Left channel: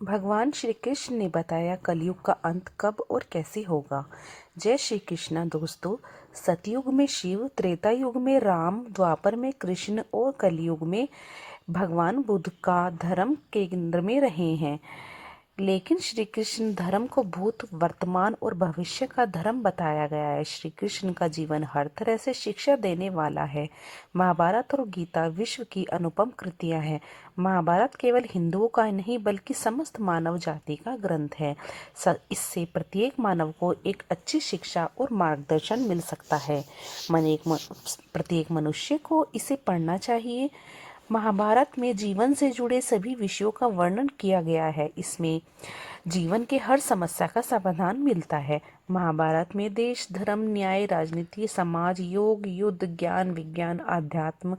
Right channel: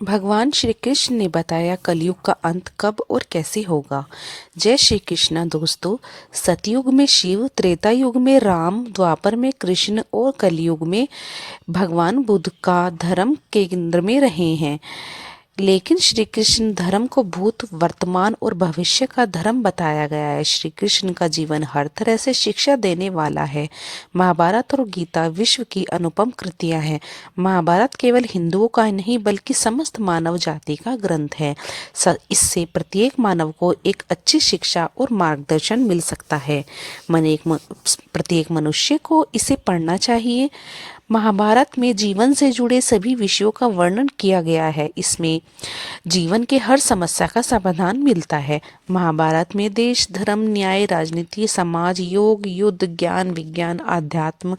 भगवान श्री कृष्ण ने बताया कलयुग का अंत कब और कैसे होगा। जय श्री कृष्ण दोस्तों। सतयुग में शिव, त्रेता युग में राम, द्वापर में कृष्ण और कलयुग में भगवान बुद्ध का धर्म केंद्र में रहे हैं। लेकिन श्री कृष्ण धर्म को भूत, वर्तमान और भविष्य का धर्म बताया गया है। श्री कृष्ण का जीवन हर तरह से शिक्षा देने वाला है। महाभारत और गीता विश्व की अनुपम कृतियां हैं। महाभारत केवल हिंदुओं का नहीं बल्कि समस्त मानव जाति का ग्रंथ है। इससे प्रत्येक मानव को एक अच्छी शिक्षा और मार्गदर्शन मिल सकता है। प्रत्येक मनुष्य को इसे पढ़ना चाहिए। महाभारत में जीवन से जुड़े सभी विषयों का वर्णन किया गया है। इसमें जीवन के हर समस्या का समाधान मिलता है। महाभारत में देश, धर्म, न्याय, राजनीति, समाज, योग, युद्ध, ज्ञान, विज्ञान, आध्यात्म,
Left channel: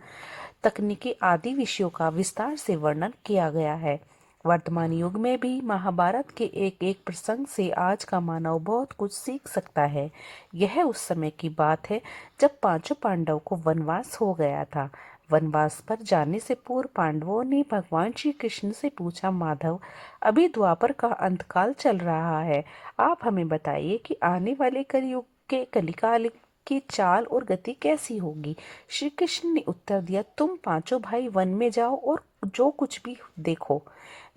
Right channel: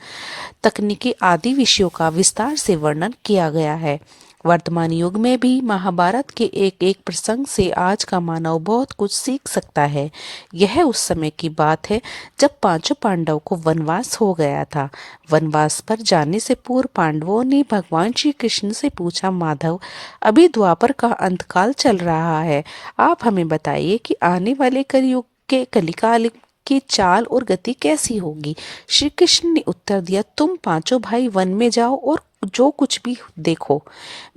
तकनीकी आदि विषयों का विस्तार से वर्णन किया गया है। वर्तमान युग में भी महाभारत के एक एक प्रसंग से आज का मानव बहुत कुछ सीख सकता है। यह उस समय की बात है जब पांचों पांडव को वनवास हो गया था। वनवास पर जाने से पूर्व पांडवों ने भगवान श्री कृष्ण से पूछा, माधव, अभी द्वापर का अंतकाल चल रहा है, आप हमें बताइए कि आने वाले कलयुग के कलिकाल की चाल और गति कैसी होगी। श्री कृष्ण ने उत्तर दिया, तुम पांचों भाई वन में जाओ और जो कुछ भी देखो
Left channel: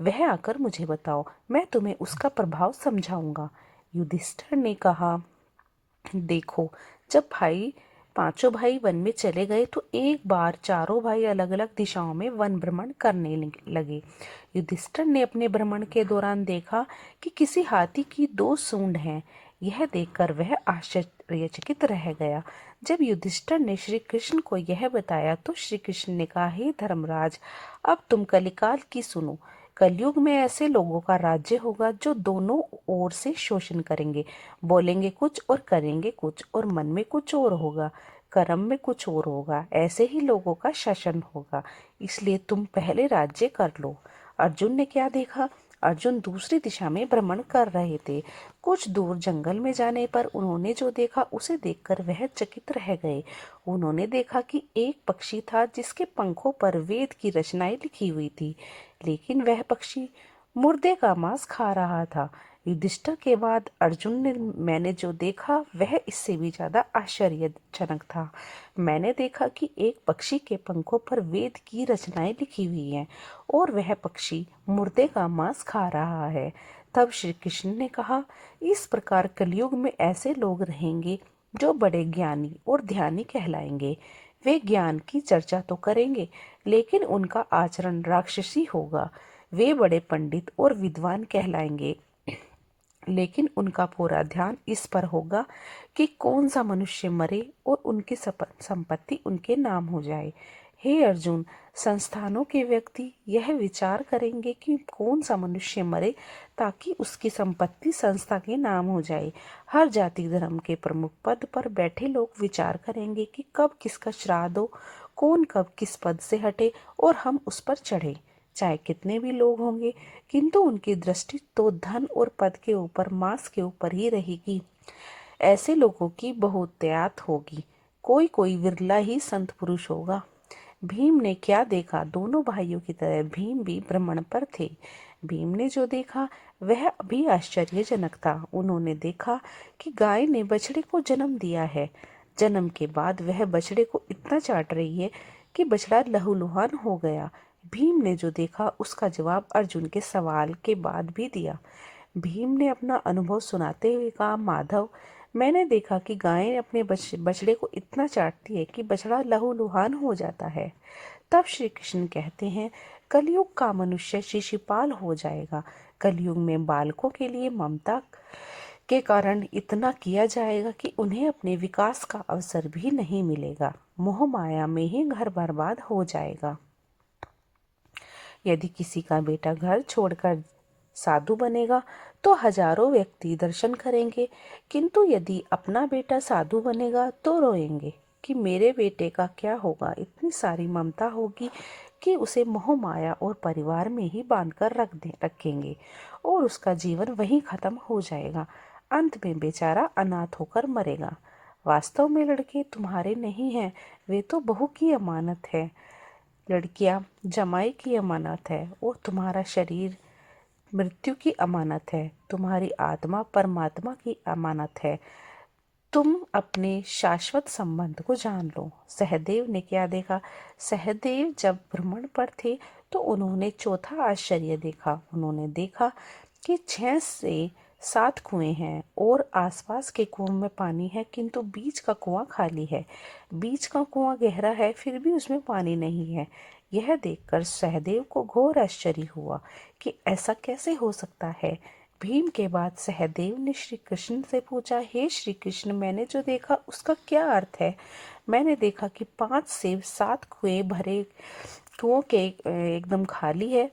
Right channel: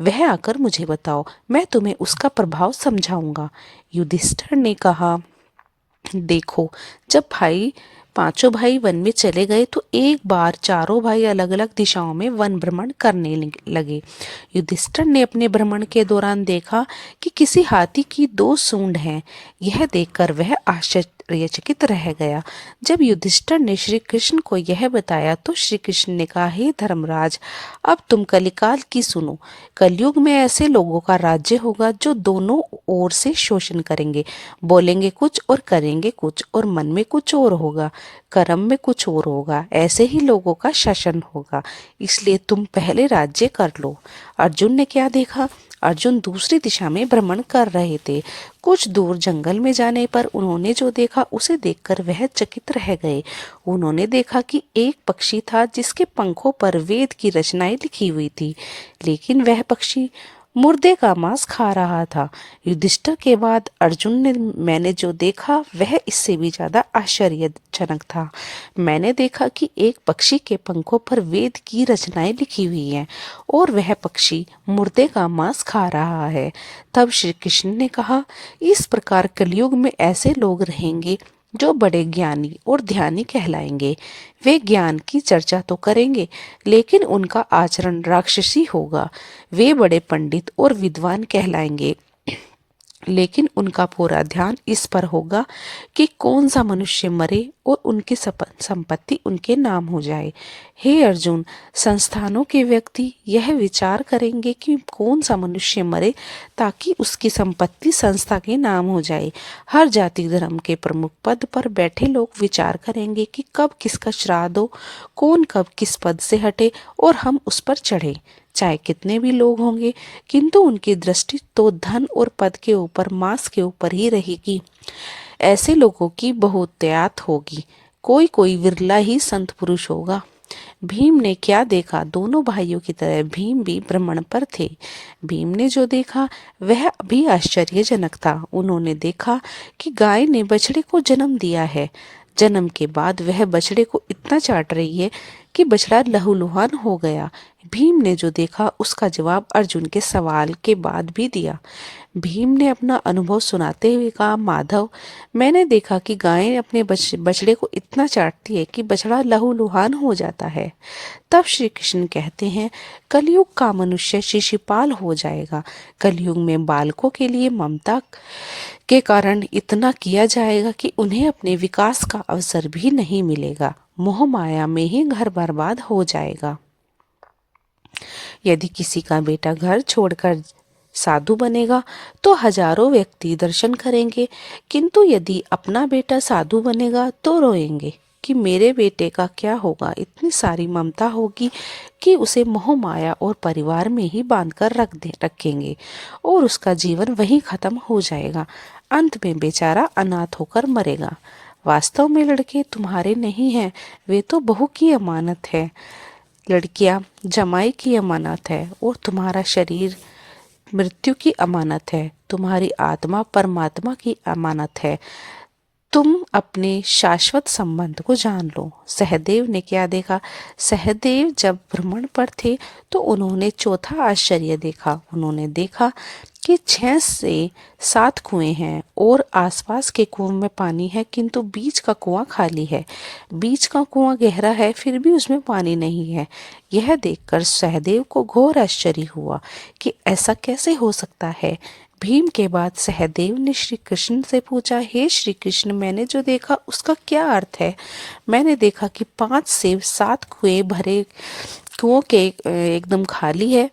वह आकर मुझे बताओ, मैं तुम्हें उसका प्रभाव समझाऊंगा। युधिष्ठिर ने कहा, देखो, जब पांचों भाई वन में चले गए तो एक बार चारों भाई अलग अलग दिशाओं में वन भ्रमण करने लगे। युधिष्ठिर ने अपने भ्रमण के दौरान देखा कि किसी हाथी की दो सूंड हैं। यह देखकर वह आश्चर्यचकित रह गया। जब युधिष्ठिर ने श्री कृष्ण को यह बताया तो श्री कृष्ण ने कहा, हे धर्मराज, अब तुम कलिकाल की सुनो। कलयुग में ऐसे लोगों का राज्य होगा जो दोनों ओर से शोषण करेंगे, बोलेंगे कुछ और करेंगे कुछ, और मन में कुछ और होगा, कर्म में कुछ और होगा। ऐसे ही लोगों का शासन होगा, इसलिए तुम पहले राज्य कर लो। अर्जुन ने क्या देखा? अर्जुन दूसरी दिशा में भ्रमण कर रहे थे। कुछ दूर जंगल में जाने पर उन्होंने जो देखा उसे देखकर वह चकित रह गए। उन्होंने देखा कि एक पक्षी था जिसके पंखों पर वेद की रचनाएं लिखी हुई थी, लेकिन वह पक्षी मुर्दे का मांस खा रहा था। युधिष्ठिर के बाद अर्जुन ने मैंने जो देखा वह इससे भी ज्यादा आश्चर्यजनक था। मैंने देखा कि एक पक्षी के पंखों पर वेद की रचनाएं लिखी हुई हैं और वह पक्षी मुर्दे का मांस खा रहा है। तब श्री कृष्ण ने कहा, इस प्रकार कलयुग में ऐसे लोग रहेंगे जो बड़े ज्ञानी और ध्यानी कहलाएंगे। वे ज्ञान की चर्चा तो करेंगे लेकिन उनका आचरण राक्षसी होगा। वे बड़े पंडित और विद्वान कहलाएंगे लेकिन उनका पूरा ध्यान इस पर होगा कि कौन सा मनुष्य मरे और उनकी संपत्ति उनके नाम हो जाए। हे अर्जुन, संस्थानों के व्यक्ति यह विचार करेंगे कि कौन सा मनुष्य मरे ताकि उसकी संपत्ति संस्था के नाम हो जाए। हर जाति धर्म के प्रमुख पद पर बैठे लोग विचार करेंगे कि कब किसका श्राद्ध हो, कौन कब किस पद से हटे और हम उस पर चढ़े। चाहे कितने भी लोग होंगे, किंतु उनकी दृष्टि तो धन और पद के ऊपर, मांस के ऊपर ही रहेगी। ऐसे लोगों की बहुतायत होगी, कोई कोई विरला ही संत पुरुष होगा। भीम ने क्या देखा? दोनों भाइयों की तरह भीम भी भ्रमण पर थे। भीम ने जो देखा वह भी आश्चर्यजनक था। उन्होंने देखा कि गाय ने बछड़े को जन्म दिया है। जन्म के बाद वह बछड़े को इतना चाट रही है कि बछड़ा लहूलुहान हो गया। भीम ने जो देखा उसका जवाब अर्जुन के सवाल के बाद भी दिया। भीम ने अपना अनुभव सुनाते हुए कहा, माधव, मैंने देखा कि गायें अपने बछड़े को इतना चाटती है कि बछड़ा लहूलुहान हो जाता है। तब श्री कृष्ण कहते हैं, कलयुग का मनुष्य शिशुपाल हो जाएगा। कलयुग में बालकों के लिए ममता के कारण इतना किया जाएगा कि उन्हें अपने विकास का अवसर भी नहीं मिलेगा। मोह माया में ही घर बर्बाद हो जाएगा। यदि किसी का बेटा घर छोड़कर साधु बनेगा तो हजारों व्यक्ति दर्शन करेंगे, किंतु यदि अपना बेटा साधु बनेगा तो रोएंगे कि मेरे बेटे का क्या होगा। इतनी सारी ममता होगी कि उसे मोह माया और परिवार में ही बांधकर रखेंगे और उसका जीवन वहीं खत्म हो जाएगा। अंत में बेचारा अनाथ होकर मरेगा। वास्तव में लड़के तुम्हारे नहीं हैं, वे तो बहू की अमानत है। लड़कियां जमाई की अमानत है और तुम्हारा शरीर मृत्यु की अमानत है, तुम्हारी आत्मा परमात्मा की अमानत है। तुम अपने शाश्वत संबंध को जान लो। सहदेव ने क्या देखा? सहदेव जब भ्रमण पर थे तो उन्होंने चौथा आश्चर्य देखा। उन्होंने देखा कि 6 से 7 कुएं हैं और आसपास के कुओं में पानी है, किंतु बीच का कुआं खाली है। बीच का कुआं गहरा है, फिर भी उसमें पानी नहीं है। यह देखकर सहदेव को घोर आश्चर्य हुआ कि ऐसा कैसे हो सकता है। भीम के बाद सहदेव ने श्री कृष्ण से पूछा, हे श्री कृष्ण, मैंने जो देखा उसका क्या अर्थ है? मैंने देखा कि 5 से 7 कुएं भरे, कुओं के एकदम खाली है,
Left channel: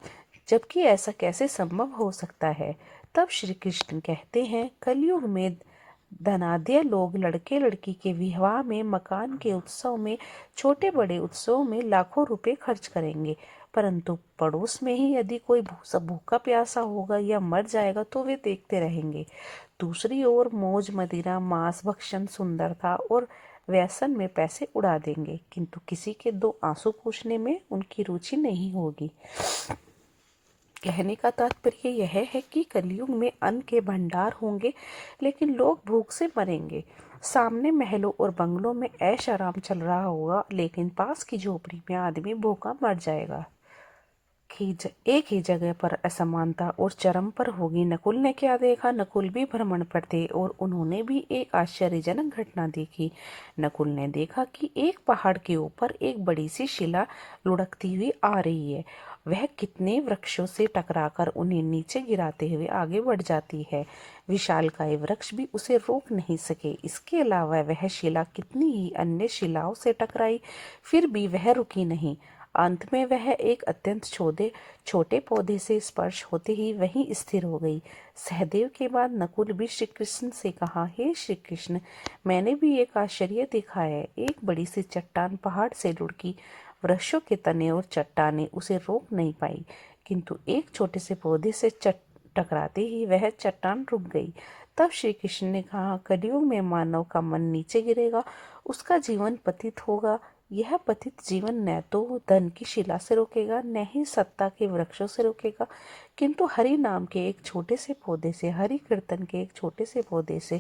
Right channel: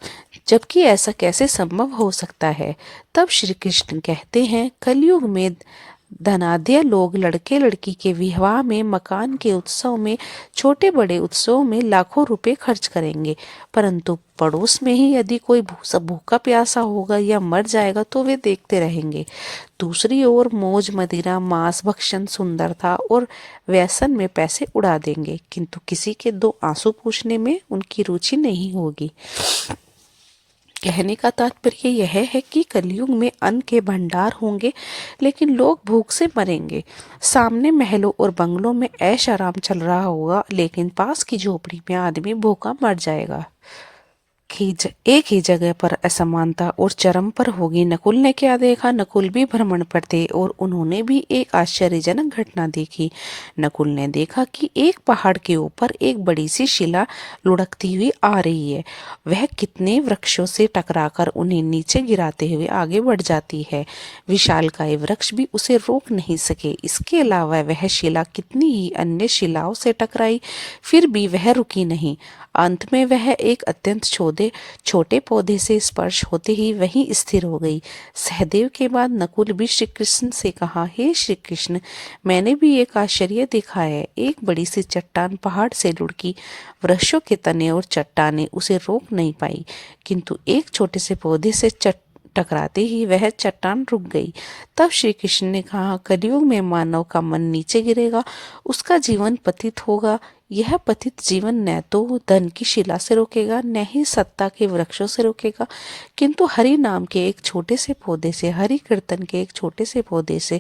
जबकि ऐसा कैसे संभव हो सकता है? तब श्री कृष्ण कहते हैं, कलयुग में धनाढ्य लोग लड़के लड़की के विवाह में, मकान के उत्सव में, छोटे बड़े उत्सव में लाखों रुपए खर्च करेंगे, परंतु पड़ोस में ही यदि कोई भूखा प्यासा होगा या मर जाएगा तो वे देखते रहेंगे। दूसरी ओर मौज मदिरा, मांस भक्षण, सुंदरता और व्यसन में पैसे उड़ा देंगे, किंतु किसी के 2 आंसू पूछने में उनकी रुचि नहीं होगी। कहने का तात्पर्य यह है कि कलयुग में अन्न के भंडार होंगे, लेकिन लोग भूख से मरेंगे। सामने महलों और बंगलों में ऐश आराम चल रहा होगा, लेकिन पास की झोपड़ी में आदमी भूखा मर जाएगा। एक ही जगह पर असमानता और चरम पर होगी। नकुल ने क्या देखा? नकुल भी भ्रमण पर थे और उन्होंने भी एक आश्चर्यजनक घटना देखी। नकुल ने देखा कि एक पहाड़ के ऊपर एक बड़ी सी शिला लुढ़कती हुई आ रही है। वह कितने वृक्षों से टकराकर उन्हें नीचे गिराते हुए आगे बढ़ जाती है। विशालकाय वृक्ष भी उसे रोक नहीं सके। इसके अलावा वह शिला कितनी ही अन्य शिलाओं से टकराई, फिर भी वह रुकी नहीं। अंत में वह एक अत्यंत छोटे पौधे से स्पर्श होते ही वहीं स्थिर हो गई। सहदेव के बाद नकुल भी श्री कृष्ण से कहा, हे श्री कृष्ण, मैंने भी एक आश्चर्य देखा है। एक बड़ी सी चट्टान पहाड़ से लुढ़की, वृक्षों के तने और चट्टाने उसे रोक नहीं पाई, किंतु एक छोटे से पौधे से टकराते ही वह चट्टान रुक गई। तब श्री कृष्ण ने कहा, कलयुग में मानव का मन नीचे गिरेगा, उसका जीवन पतित होगा। यह पतित जीवन न तो धन की शिला से रोकेगा, न ही सत्ता के वृक्षों से रोकेगा, किंतु हरि नाम के एक छोटे से पौधे से, हरि कीर्तन के एक छोटे से पौधे से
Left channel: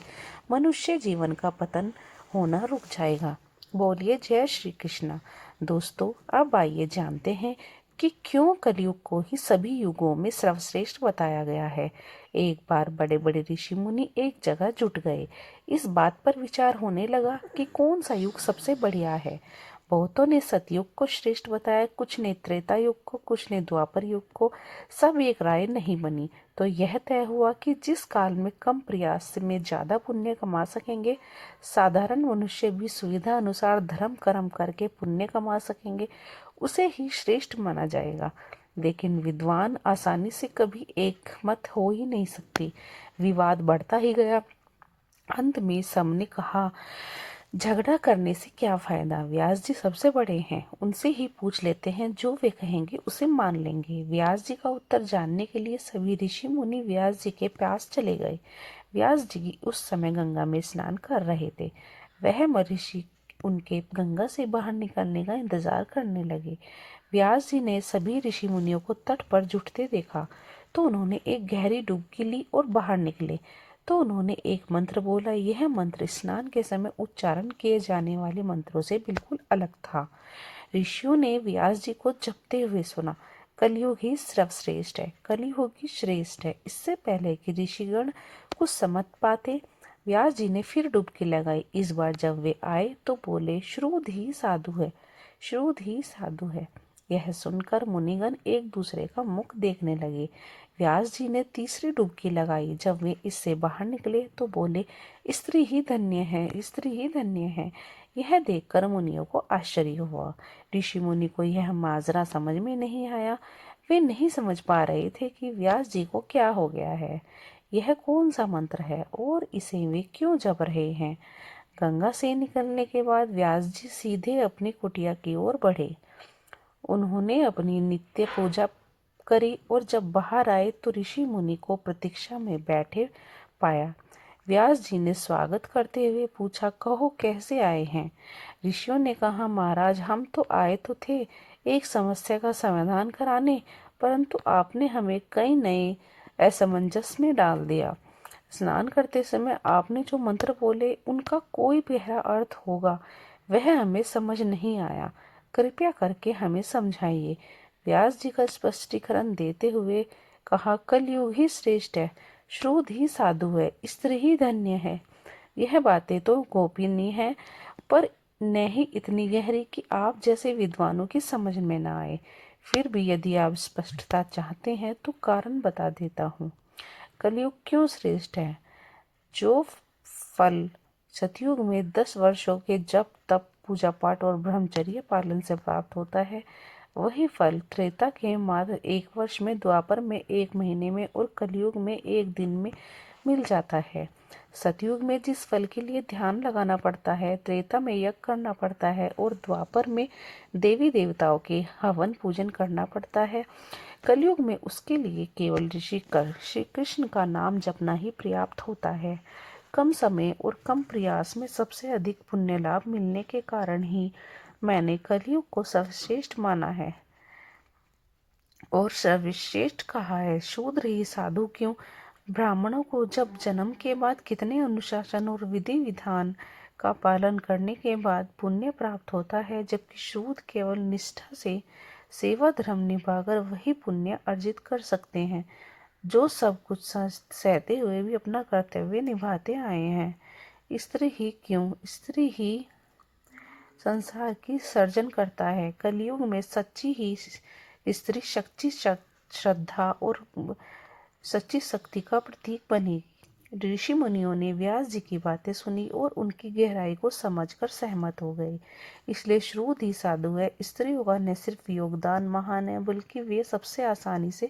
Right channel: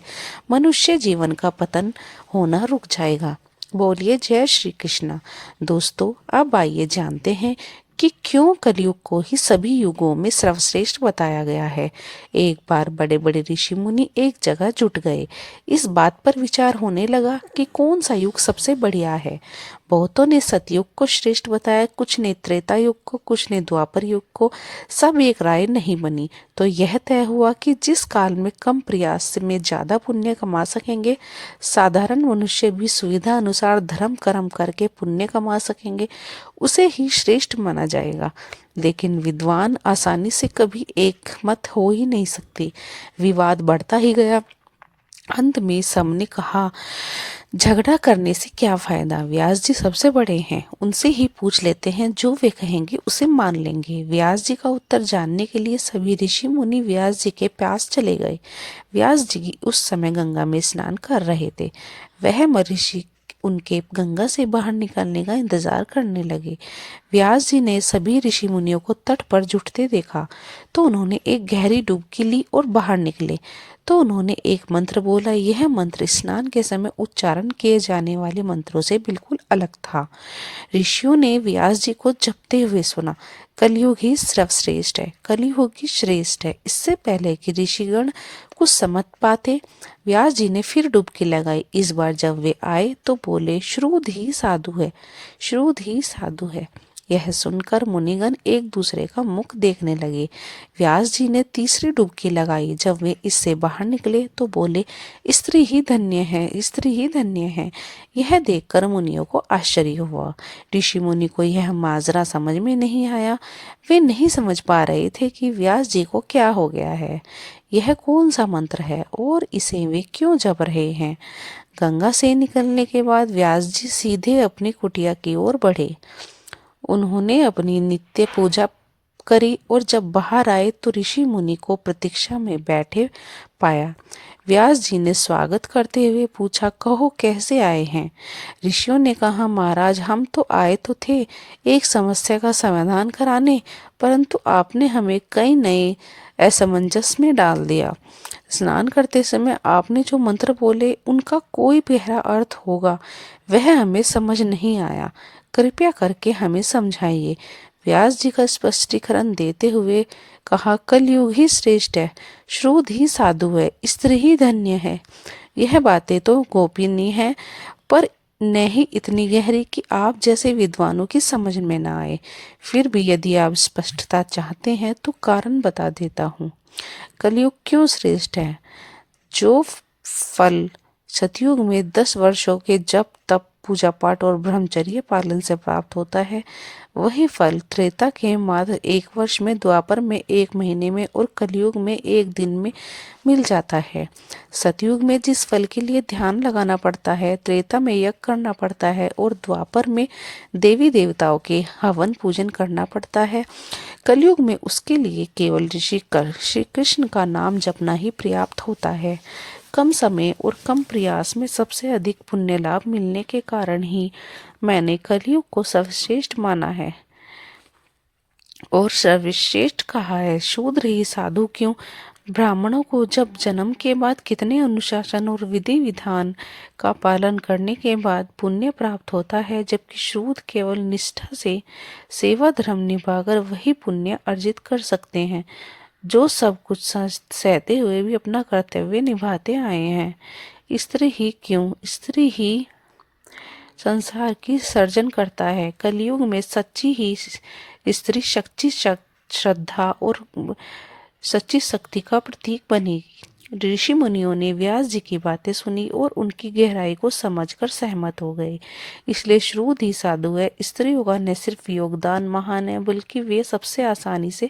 मनुष्य जीवन का पतन होना रुक जाएगा। बोलिए जय श्री कृष्ण। दोस्तों, अब आइए जानते हैं कि क्यों कलयुग को ही सभी युगों में सर्वश्रेष्ठ बताया गया है। एक बार बड़े बड़े ऋषि मुनि एक जगह जुट गए। इस बात पर विचार होने लगा कि कौन सा युग सबसे बढ़िया है। बहुतों ने सतयुग को श्रेष्ठ बताया, कुछ ने त्रेता युग को, कुछ ने द्वापर युग को। सब एक राय नहीं बनी, तो यह तय हुआ कि जिस काल में कम प्रयास में ज्यादा पुण्य कमा सकेंगे, साधारण मनुष्य भी सुविधा अनुसार धर्म कर्म करके पुण्य कमा सकेंगे, उसे ही श्रेष्ठ माना जाएगा। लेकिन विद्वान आसानी से कभी एक मत हो ही नहीं सकते। विवाद बढ़ता ही गया। अंत में सबने कहा, झगड़ा करने से क्या फायदा, व्यास जी सबसे बड़े हैं, उनसे ही पूछ लेते हैं, जो वे कहेंगे उसे मान लेंगे। व्यास जी का उत्तर जानने के लिए सभी ऋषि मुनि व्यास जी के पास चले गए। व्यास जी उस समय गंगा में स्नान कर रहे थे। वह महर्षि उनके गंगा से बाहर निकलने का इंतजार करने लगे। व्यास जी ने सभी ऋषि मुनियों को तट पर जुटते देखा, तो उन्होंने एक गहरी डुबकी ली और बाहर निकले। तो उन्होंने एक मंत्र बोला। यह मंत्र स्नान के समय उच्चारण किए जाने वाले मंत्रों से बिल्कुल अलग था। ऋषियों ने व्यास जी को जपते हुए सुना, कलयुग ही सर्वश्रेष्ठ है, कलयुग ही श्रेष्ठ है। इससे पहले कि ऋषिगण कुछ समझ पाते, व्यास जी ने फिर डुबकी लगाई। इस बार जब वे आए तो बोले, श्रुध ही साधु है, श्रुध ही साधु है। यह सुनकर मुनिगण एक दूसरे का मुख देखने लगे। व्यास जी ने तीसरी डुबकी लगाई। जब वे इससे बाहर निकले तो बोले, स्त्री ही धन्य है, स्त्री ही धन्य है। यह देखकर मुनियों को आश्चर्य हुआ। ऋषि मुनि को यह माजरा समझ में नहीं आया। वे नहीं समझ पा रहे थे कि व्यास जी को क्या हो गया है, यह कौन सा मंत्र है और इसे वे क्यों जप रहे हैं। गंगा से निकलने के बाद व्यास जी सीधे अपनी कुटिया की ओर बढ़े। उन्होंने अपनी नित्य पूजा करी और जब बाहर आए तो ऋषि मुनि को प्रतीक्षा में बैठे पाया। व्यास जी ने स्वागत करते हुए पूछा, कहो कैसे आए हैं। ऋषियों ने कहा, महाराज हम तो आए तो थे एक समस्या का समाधान कराने, परंतु आपने हमें कई नए असमंजस में डाल दिया। स्नान करते समय आपने जो मंत्र बोले उनका कोई गहरा अर्थ होगा, वह हमें समझ नहीं आया, कृपया करके हमें समझाइए। व्यास जी का स्पष्टीकरण देते हुए कहा, कलयुग ही श्रेष्ठ है, श्रुत ही साधु है, स्त्री ही धन्य है। यह बातें तो गोपनीय है, पर नहीं इतनी गहरी कि आप जैसे विद्वानों की समझ में ना आए। फिर भी यदि आप स्पष्टता चाहते हैं तो कारण बता देता हूँ। कलयुग क्यों श्रेष्ठ है? जो फल सतयुग में 10 वर्षों के जप तप पूजा पाठ और ब्रह्मचर्य पालन से प्राप्त होता है, वही फल त्रेता के मात्र 1 वर्ष में, द्वापर में 1 महीने में और कलयुग में 1 दिन में मिल जाता है। सतयुग में जिस फल के लिए ध्यान लगाना पड़ता है, त्रेता में यज्ञ करना पड़ता है और द्वापर में देवी देवताओं के हवन पूजन करना पड़ता है, कलयुग में उसके लिए केवल ऋषि कर श्री कृष्ण का नाम जपना ही पर्याप्त होता है। कम समय और कम प्रयास में सबसे अधिक पुण्य लाभ मिलने के कारण ही मैंने कलयुग को सर्वश्रेष्ठ माना है और सर्वश्रेष्ठ कहा है। शूद्र ही साधु क्यों? ब्राह्मणों को जब जन्म के बाद कितने अनुशासन और विधि विधान का पालन करने के बाद पुण्य प्राप्त होता है, जबकि शूद्र केवल निष्ठा से सेवा धर्म निभाकर वही पुण्य अर्जित कर सकते हैं, जो सब कुछ सहते हुए भी अपना कर्तव्य निभाते आए हैं। स्त्री ही क्यों? स्त्री ही संसार की सर्जन करता है। कलयुग में सच्ची ही स्त्री सच्ची श्रद्धा और सच्ची शक्ति का प्रतीक बनेगी। ऋषि मुनियों ने व्यास जी की बातें सुनी और उनकी गहराई को समझकर सहमत हो गए। इसलिए श्रुत ही साधु है। स्त्रियों का न सिर्फ योगदान महान है, बल्कि वे सबसे आसानी से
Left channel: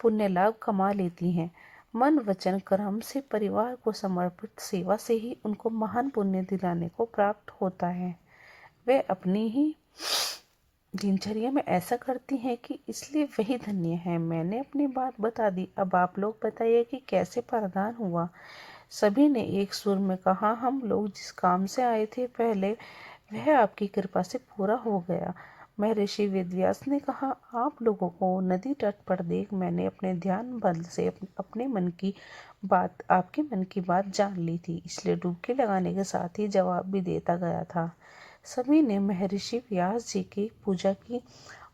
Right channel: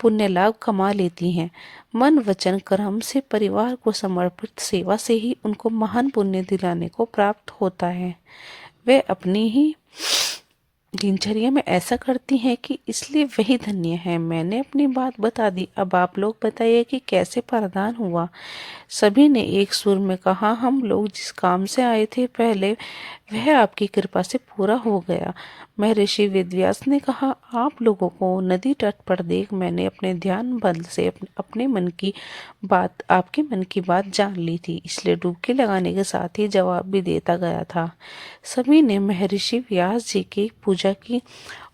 पुण्य लाभ कमा लेती हैं। मन वचन कर्म से परिवार को समर्पित सेवा से ही उनको महान पुण्य दिलाने को प्राप्त होता है। वे अपनी ही दिनचर्या में ऐसा करती हैं कि इसलिए वही धन्य है। मैंने अपनी बात बता दी, अब आप लोग बताइए कि कैसे प्रदान हुआ। सभी ने एक सुर में कहा, हम लोग जिस काम से आए थे पहले, वह आपकी कृपा से पूरा हो गया। महर्षि वेदव्यास ने कहा, आप लोगों को नदी तट पर देख मैंने अपने ध्यान बल से अपने मन की बात, आपके मन की बात जान ली थी, इसलिए डुबकी लगाने के साथ ही जवाब भी देता गया था। सभी ने महर्षि व्यास जी की पूजा की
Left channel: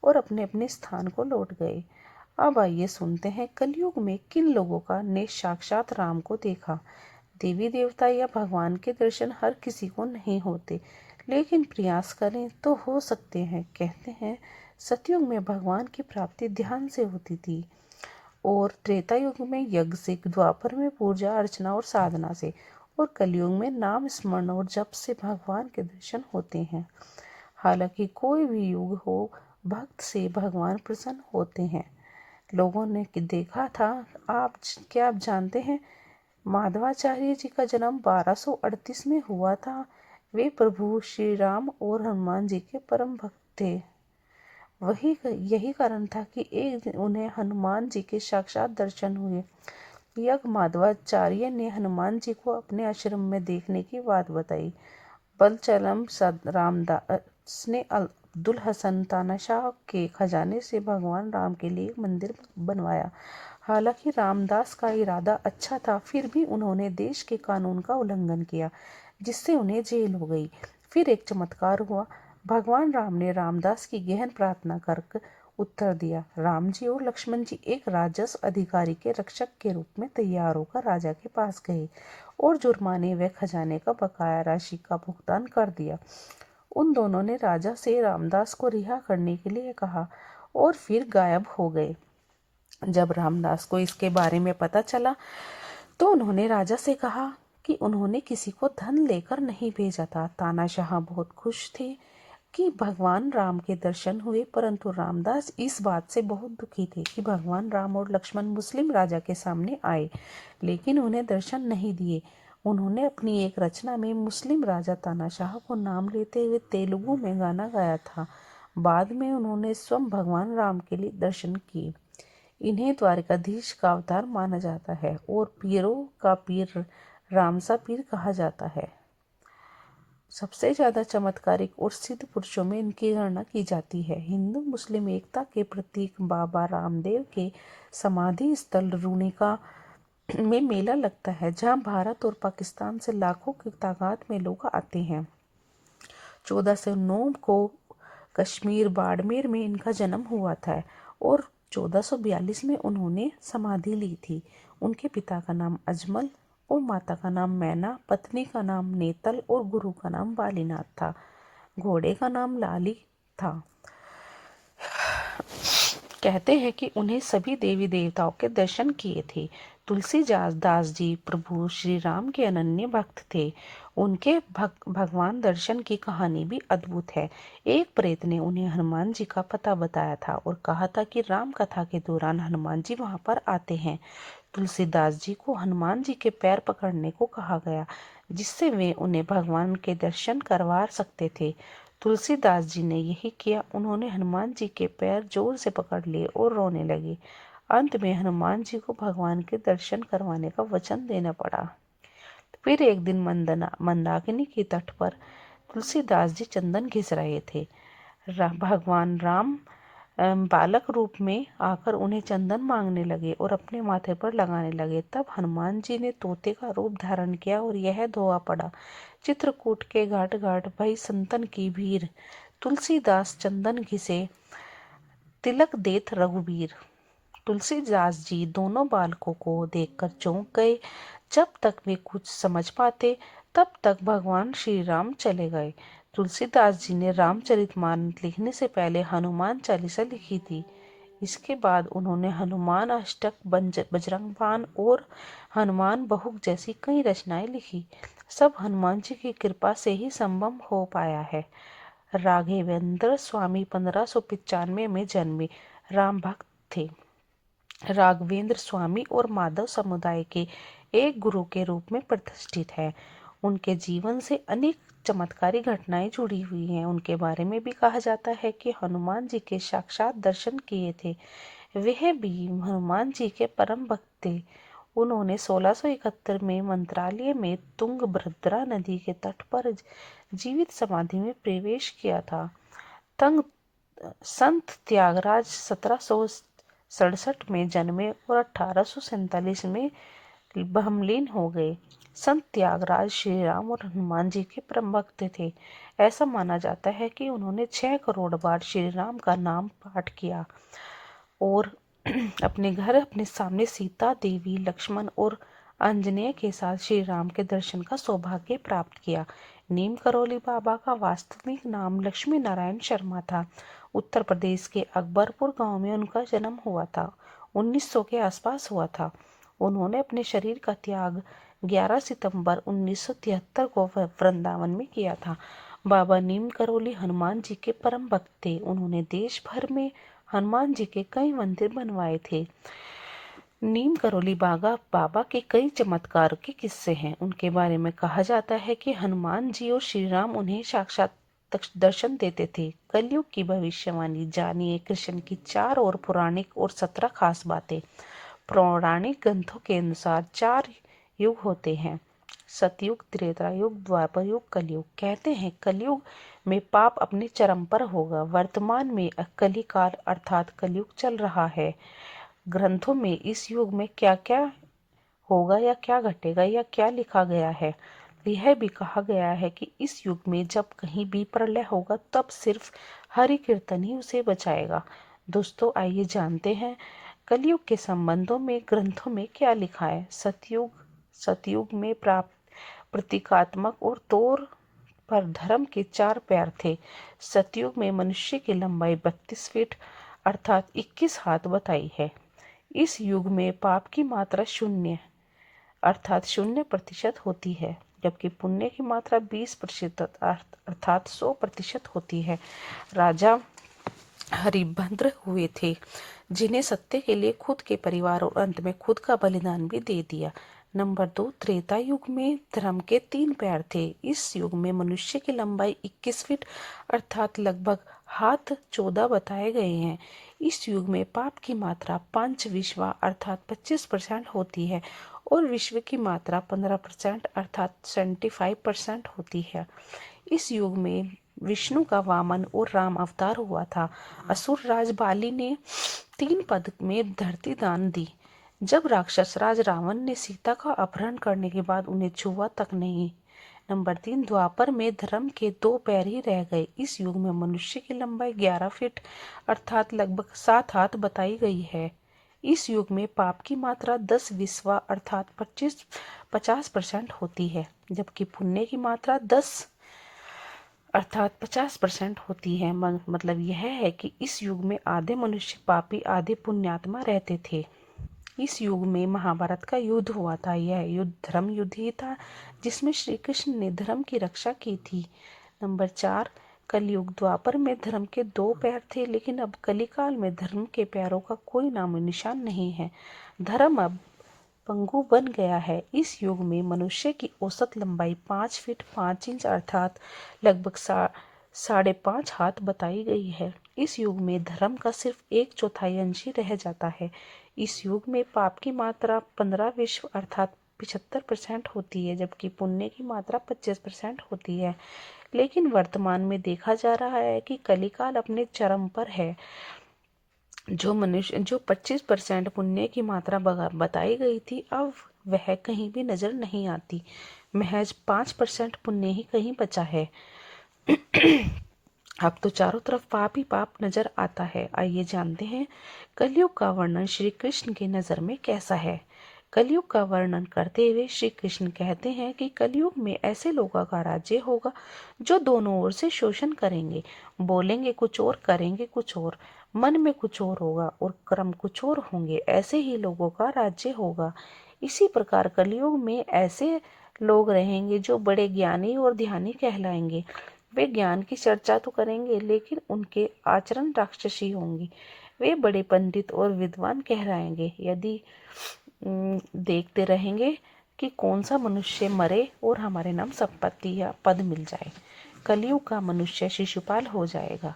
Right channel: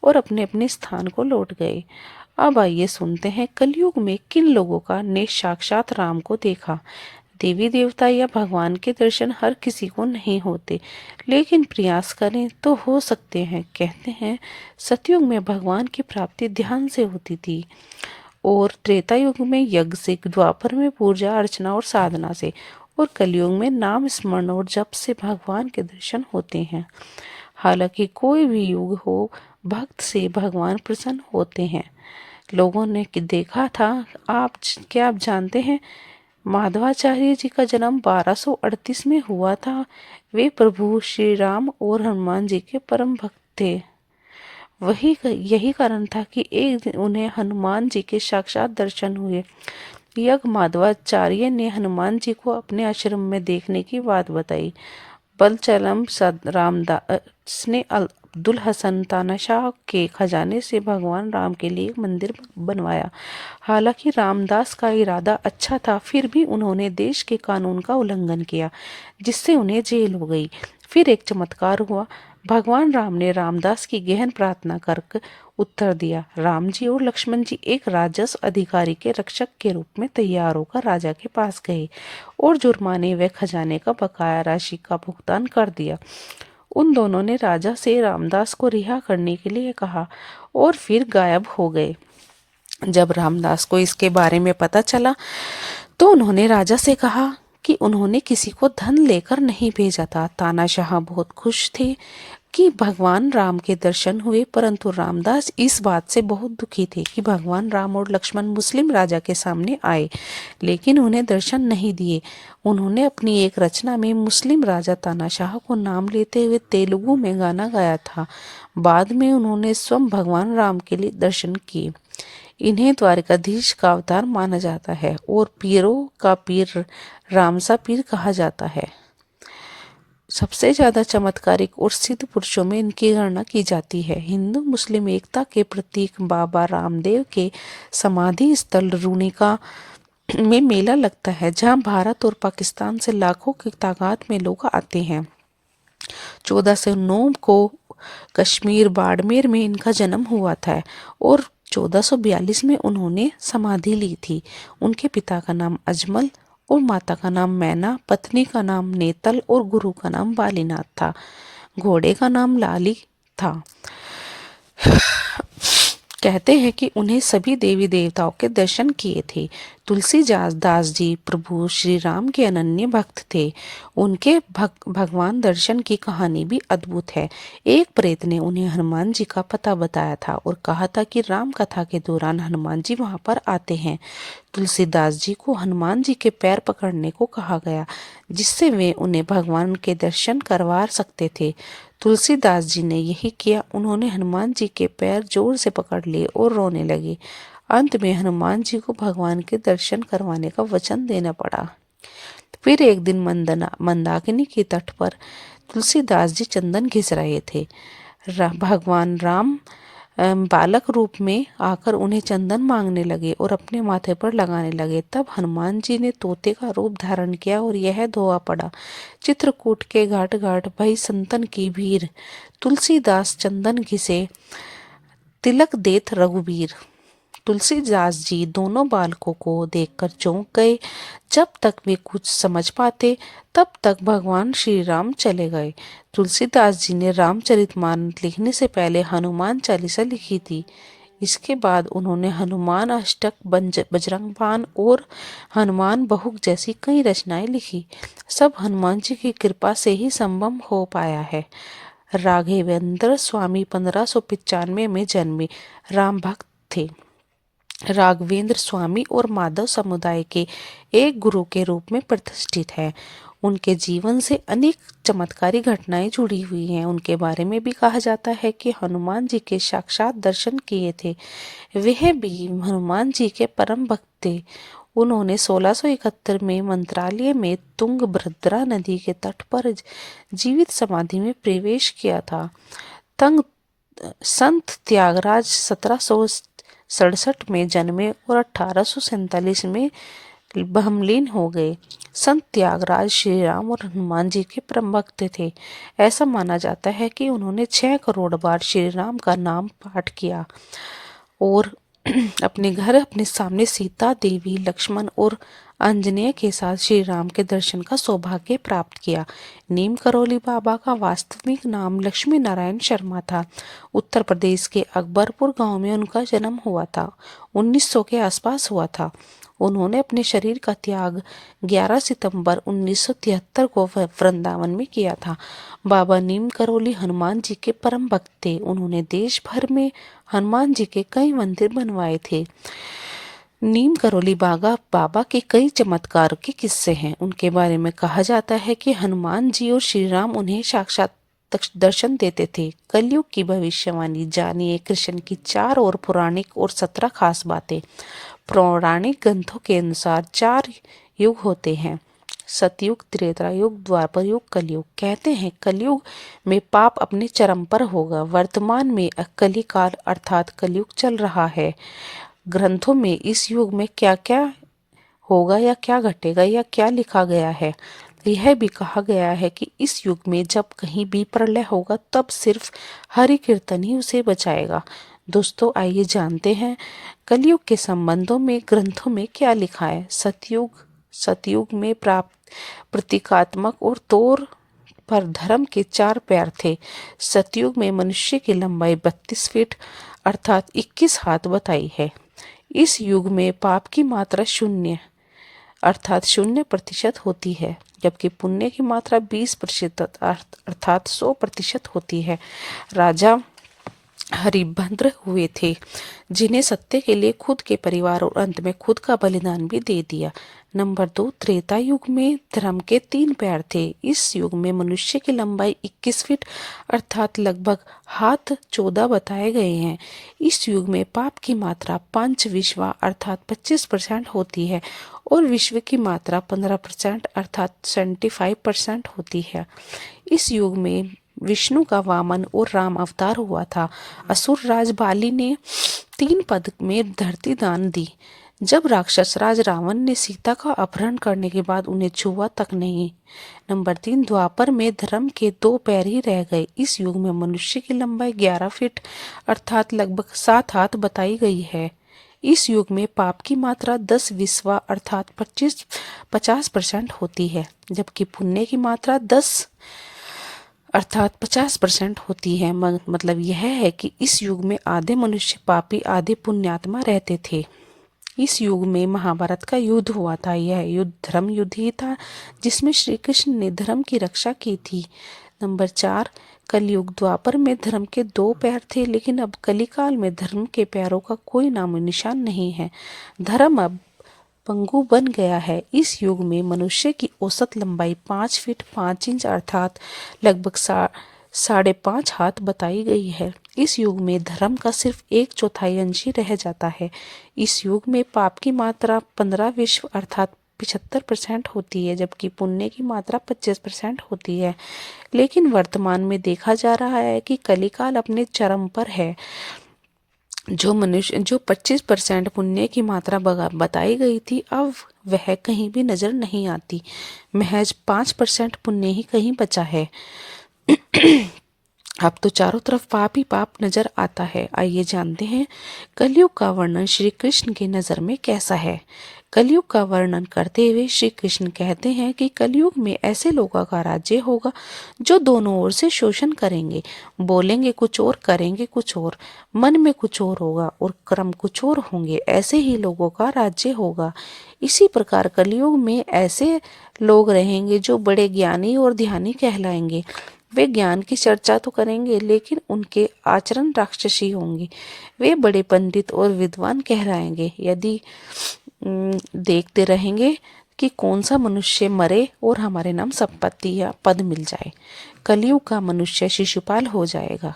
और अपने अपने स्थान को लौट गए। अब आइए सुनते हैं कलयुग में किन लोगों का ने साक्षात राम को देखा। देवी देवता या भगवान के दर्शन हर किसी को नहीं होते, लेकिन प्रयास करें तो हो सकते हैं। कहते हैं सतयुग में भगवान की प्राप्ति ध्यान से होती थी और त्रेता युग में यज्ञ से, द्वापर में पूजा अर्चना और साधना से, और कलयुग में नाम स्मरण और जप से भगवान के दर्शन होते हैं। हालांकि कोई भी युग हो, भक्त से भगवान प्रसन्न होते हैं। लोगों ने देखा था। क्या आप जानते हैं माधवाचार्य जी का जन्म 1238 में हुआ था। वे प्रभु श्री राम और हनुमान जी के परम भक्त थे। यही कारण था कि एक दिन उन्हें हनुमान जी के साक्षात दर्शन हुए। यज्ञ माधवाचार्य ने हनुमान जी को अपने आश्रम में देखने की बात बताई। बलचलम रामदास ने अब्दुल हसन तानाशाह के खजाने से भगवान राम के लिए एक मंदिर बनवाया। हालांकि रामदास का इरादा अच्छा था, फिर भी उन्होंने देश के कानून का उल्लंघन किया, जिससे उन्हें जेल हो गई। फिर एक चमत्कार हुआ। भगवान राम ने रामदास की गहन प्रार्थना कर उत्तर दिया। राम जी और लक्ष्मण जी एक राजस्व अधिकारी के रक्षक के रूप में तैयार होकर राजा के पास गए और जुर्माने व खजाने का बकाया राशि का भुगतान कर दिया। उन दोनों ने राजा से रामदास को रिहा करने के लिए कहा और फिर गायब हो गए। जब रामदास को इसके बारे में पता चला तो उन्होंने राजा से कहा कि उन्होंने किसी को धन लेकर नहीं भेजा था। तानाशाह बहुत खुश थे कि भगवान राम के दर्शन हुए, परंतु रामदास इस बात से बहुत दुखी थे कि भगवान राम और लक्ष्मण मुस्लिम राजा के सामने आए, लेकिन उन्हें दर्शन नहीं दिए। उन्होंने अपनी एक रचना में मुस्लिम राजा तानाशाह को नाम लेते हुए तेलुगु में गाना गाया था। बाद में उन्होंने स्वयं भगवान राम के लिए दर्शन किए। इन्हें द्वारकाधीश का अवतार माना जाता है और पीरों का पीर रामसा पीर कहा जाता है। सबसे ज्यादा चमत्कारिक और सिद्ध पुरुषों में इनकी गणना की जाती है। हिंदू मुस्लिम एकता के प्रतीक बाबा रामदेव के समाधि स्थल रूनिका में मेला लगता है, जहां भारत और पाकिस्तान से लाखों की तादाद में लोग आते हैं। 1409 को कश्मीर बाड़मेर में इनका जन्म हुआ था और 1442 में उन्होंने समाधि ली थी। उनके पिता का नाम अजमल और माता का नाम मैना, पत्नी का नाम नेतल और गुरु का नाम बालीनाथ था। घोड़े का नाम लाली था। कहते हैं कि उन्हें सभी देवी देवताओं के दर्शन किए थे। तुलसीदास दास जी प्रभु श्री राम के अनन्य भक्त थे। उनके भगवान दर्शन की कहानी भी अद्भुत है। एक प्रेत ने उन्हें हनुमान जी का पता बताया था और कहा था कि राम कथा के दौरान हनुमान जी वहां पर आते हैं। तुलसीदास जी को हनुमान जी के पैर पकड़ने को कहा गया, जिससे वे उन्हें भगवान के दर्शन करवा सकते थे। तुलसीदास जी ने यही किया। उन्होंने हनुमान जी के पैर जोर से पकड़ लिए और रोने लगे। अंत में हनुमान जी को भगवान के दर्शन करवाने का वचन देना पड़ा। फिर एक दिन मंदाकिनी के तट पर तुलसीदास जी चंदन घिस रहे थे। भगवान राम बालक रूप में आकर उन्हें चंदन मांगने लगे और अपने माथे पर लगाने लगे। तब हनुमान जी ने तोते का रूप धारण किया और यह दोहा पड़ा, चित्रकूट के घाट घाट भई संतन की भीड़, तुलसीदास चंदन घिसे तिलक देत रघुबीर। तुलसीदास जी दोनों बालकों को देखकर चौंक गए। जब तक वे कुछ समझ पाते तब तक भगवान श्री राम चले गए। तुलसीदास जी ने रामचरितमानस लिखने से पहले हनुमान चालीसा लिखी थी। इसके बाद उन्होंने हनुमान अष्टक, बजरंग बाण और हनुमान बहुक जैसी कई रचनाएं लिखी। सब हनुमान जी की कृपा से ही संभव हो पाया है। राघवेंद्र स्वामी 1595 में जन्मे राम भक्त थे। राघवेंद्र स्वामी और माधव समुदाय के एक गुरु के रूप में प्रतिष्ठित है। उनके जीवन से अनेक चमत्कारी घटनाएं जुड़ी हुई हैं। उनके बारे में भी कहा जाता है कि हनुमान जी के साक्षात दर्शन किए थे। वह भी हनुमान जी के परम भक्त थे। उन्होंने 1671 में मंत्रालय में तुंगभद्रा नदी के तट पर जीवित समाधि में प्रवेश किया था। तंग संत त्यागराज 1767 में जन्मे और 1847 में बहमलीन हो गए। संत त्यागराज श्री राम और हनुमान जी के परम भक्त थे। ऐसा माना जाता है कि उन्होंने 6 करोड़ बार श्री राम का नाम पाठ किया और अपने घर अपने सामने सीता देवी, लक्ष्मण और आंजनेय के साथ श्री राम के दर्शन का सौभाग्य प्राप्त किया। नीम करोली बाबा का वास्तविक नाम लक्ष्मी नारायण शर्मा था। उत्तर प्रदेश के अकबरपुर गांव में उनका जन्म हुआ था। 1900 के आसपास हुआ था। उन्होंने अपने शरीर का त्याग 11 सितंबर 1973 को वृंदावन में किया था। बाबा नीम करोली हनुमान जी के परम भक्त थे। उन्होंने देश भर में हनुमान जी के कई मंदिर बनवाए थे। नीम करोली बाबा के कई चमत्कार के किस्से हैं। उनके बारे में कहा जाता है कि हनुमान जी और श्री राम उन्हें साक्षात दर्शन देते थे। कलयुग की भविष्यवाणी जानिए कृष्ण की 4 और पौराणिक और 17 खास बातें। पौराणिक ग्रंथों के अनुसार 4 युग होते हैं, सतयुग, त्रेता युग, द्वापर युग, कलयुग। कहते हैं कलयुग में पाप अपने चरम पर होगा। वर्तमान में कलिकाल अर्थात कलयुग चल रहा है। ग्रंथों में इस युग में क्या क्या होगा या क्या घटेगा या क्या लिखा गया है। यह भी कहा गया है कि इस युग में जब कहीं भी प्रलय होगा तब सिर्फ हरि कीर्तन ही उसे बचाएगा। दोस्तों आइए जानते हैं कलयुग के संबंधों में ग्रंथों में क्या लिखा है। सतयुग में प्राप्त प्रतीकात्मक और तौर पर धर्म के 4 पैर थे। सतयुग में मनुष्य की लंबाई 32 फीट अर्थात 21 हाथ बताई है। इस युग में पाप की मात्रा 0 अर्थात 0% होती है, जबकि पुण्य की मात्रा 20% अर्थात 100% होती है। राजा हरिभद्र हुए थे, जिन्हें सत्य के लिए खुद के परिवार और अंत में खुद का बलिदान भी दे दिया। नंबर 2, त्रेता युग में धर्म के 3 पैर थे। इस युग में मनुष्य की लंबाई 21 फीट अर्थात लगभग हाथ 14 बताए गए हैं। इस युग में पाप की मात्रा 5 विश्वा अर्थात 25% होती है और विश्व की मात्रा 15% अर्थात 75% होती है। इस युग में विष्णु का वामन और राम अवतार हुआ था। असुर राज बाली ने 3 पद में धरती दान दी। जब राक्षस राज रावण ने सीता का अपहरण करने के बाद उन्हें छुआ तक नहीं। नंबर 3, द्वापर में धर्म के 2 पैर ही रह गए। इस युग में मनुष्य की लंबाई 11 फीट अर्थात लगभग 7 हाथ बताई गई है। इस युग में पाप की मात्रा 10 विस्वा अर्थात 50% होती है, जबकि पुण्य की मात्रा 10 अर्थात 50% होती है। मतलब यह है कि इस युग में आधे मनुष्य पापी आधे पुण्यात्मा रहते थे। इस युग में महाभारत का युद्ध हुआ था। यह युद्ध धर्म युद्ध ही था, जिसमें श्री कृष्ण ने धर्म की रक्षा की थी। नंबर 4, कलयुग। द्वापर में धर्म के 2 पैर थे, लेकिन अब कलिकाल में धर्म के पैरों का कोई नामो निशान नहीं है। धर्म अब पंगु बन गया है। इस युग में मनुष्य की औसत लंबाई 5 फीट 5 इंच अर्थात लगभग 5.5 हाथ बताई गई है। इस युग में धर्म का सिर्फ 1/4 अंश ही रह जाता है। इस युग में पाप की मात्रा 15 विश्व अर्थात 75% होती है, जबकि पुण्य की मात्रा 25% होती है। लेकिन वर्तमान में देखा जा रहा है कि कलिकाल अपने चरम पर है। जो 25% पुण्य की मात्रा बताई गई थी, अब वह कहीं भी नजर नहीं आती। महज 5% पुण्य ही कहीं बचा है। अब तो चारों तरफ पाप ही पाप नजर आता है। आइए जानते हैं कलयुग का वर्णन श्री कृष्ण की नजर में कैसा है। कलयुग का वर्णन करते हुए श्री कृष्ण कहते हैं कि कलयुग में ऐसे लोगों का राज्य होगा जो दोनों ओर से शोषण करेंगे, बोलेंगे कुछ और करेंगे कुछ और, मन में कुछ और होगा और कर्म कुछ और होंगे। ऐसे ही लोगों का राज्य होगा। इसी प्रकार कलयुग में ऐसे लोग रहेंगे जो बड़े ज्ञानी और ध्यानी कहलाएंगे। वे ज्ञान की चर्चा तो करेंगे, लेकिन उनके आचरण राक्षसी होंगे। वे बड़े पंडित और विद्वान कहलाएंगे। यदि देखते रहेंगे कि कौन सा मनुष्य मरे और हमारे नाम संपत्ति या पद मिल जाए। कलयुग का मनुष्य शिशुपाल हो जाएगा।